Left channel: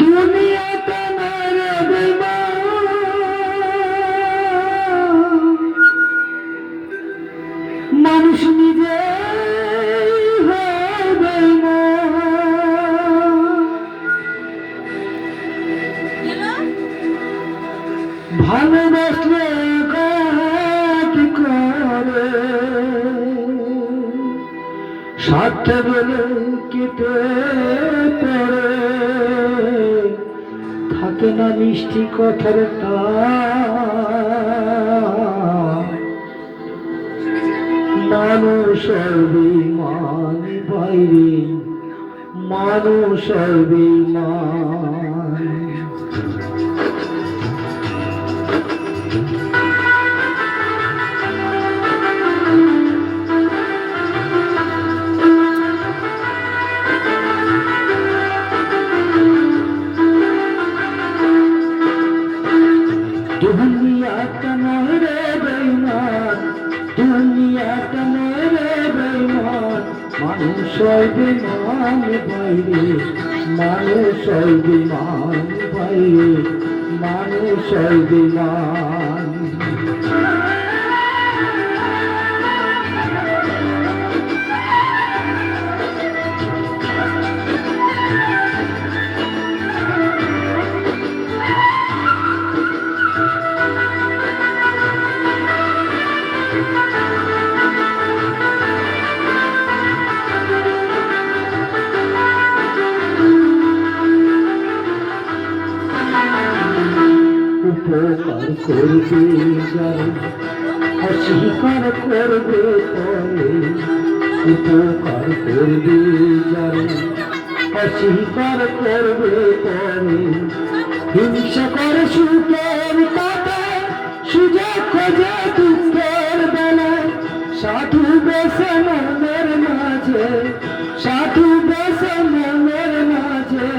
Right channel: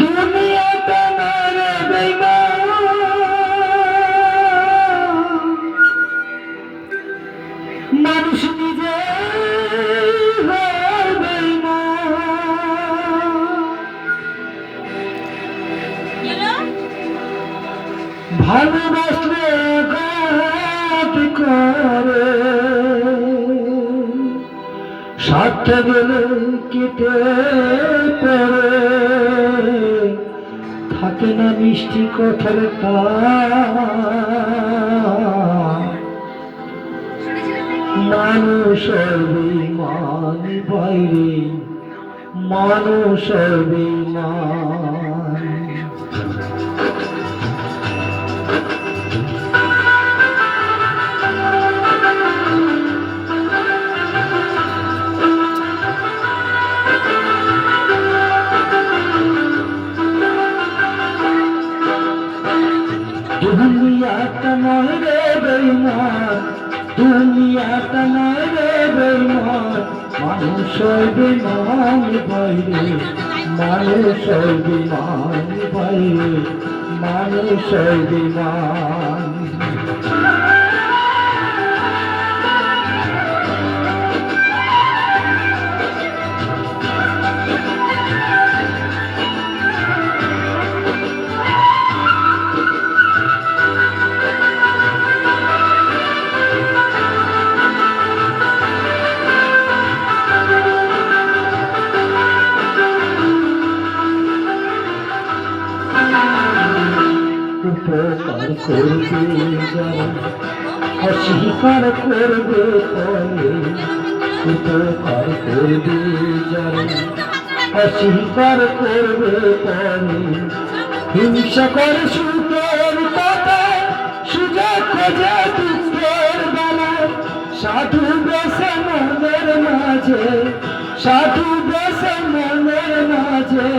দুনিয়াটা না রে বেঈমান, মানুষ নিজে হয় বেঈমান। ভালোবাসলে ঘাত করে, স্বার্থে গেলে কেটে পড়ে, থাকে না মিষ্টি কথার মানুষের বিমান বাইরে, মানুষের বিমান। দুনিয়াটা নয় রে বেঈমান, দুনিয়াটা নয় রে বেঈমান, মানুষের বিমান বাইরে, মানুষের বিমান বাইরে, মানুষের বিমান। উপকার করবে যারা অস্বীকার করবে তবে, উপকার করবে যারা অস্বীকার করবে তবে, হিংসা করে সুখের কথা, সুযোগ খোঁজে দুঃখের বেলায়, সাধু বেশে মনের মাঝে, সাধু বেশে মনের মাঝে,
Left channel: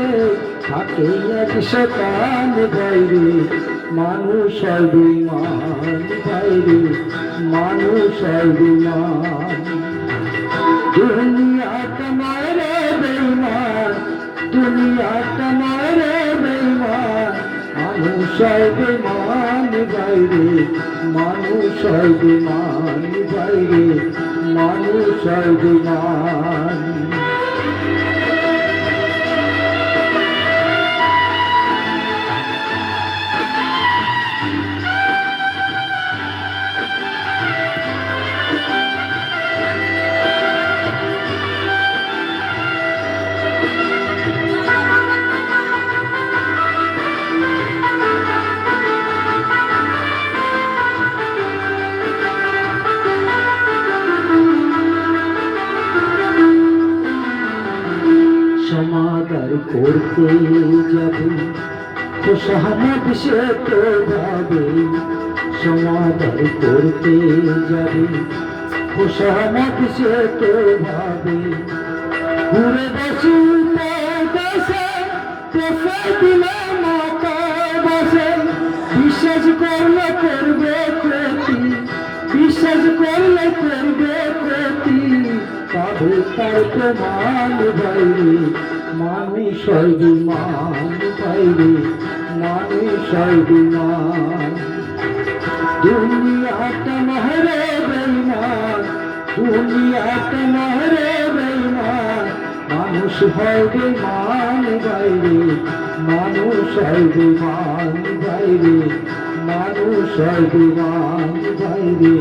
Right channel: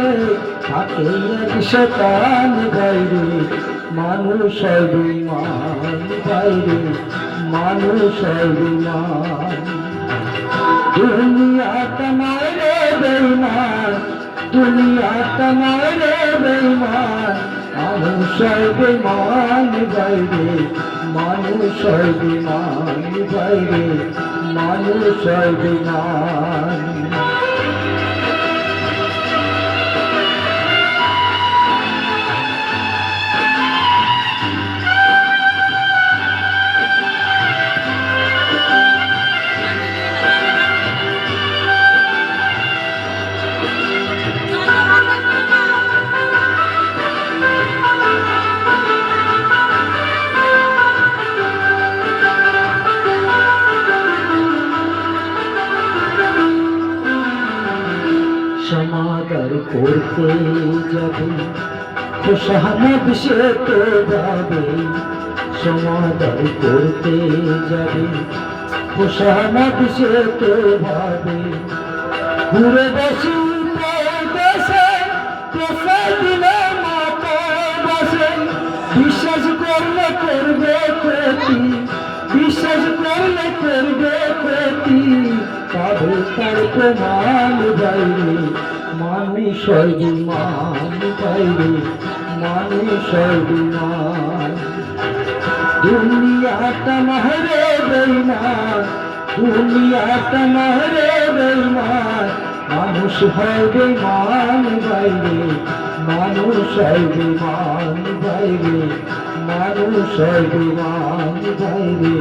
থাকে এক শতান বাইরে, মানুষের বিমান বাইরে, মানুষের বিমান। দুনিয়াটা নয় রে বেঈমান, দুনিয়াটা নয় রে বেঈমান, মানুষের বিমান বাইরে, মানুষের বিমান বাইরে, মানুষের বিমান। সমাদর করতে যাবে খোশামদ সে তো যাবে, সমাদর করতে যাবে খোশামদ সে তো যাবে, ঘুরে বসি দেশে দেশে দিলে মাথা বসে, বিশ্বাস করলে করবে ক্ষতি, বিশ্বাস করলে করবে ক্ষতি, পাবে তার প্রমাণ বাইরে, মানুষের বিমান বাইরে, মানুষের বিমান। দুনিয়াটা নয় রে বেঈমান, দুনিয়াটা নয় রে বেঈমান, মানুষ হয় বিমান বাইরে, মানুষের বিমান বাইরে, মানুষের বিমান বাইরে,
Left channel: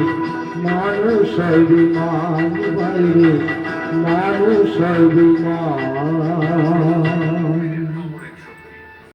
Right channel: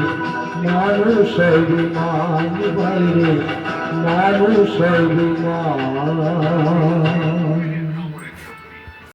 মানুষের বিমান বাইরে, মানুষের বিমান।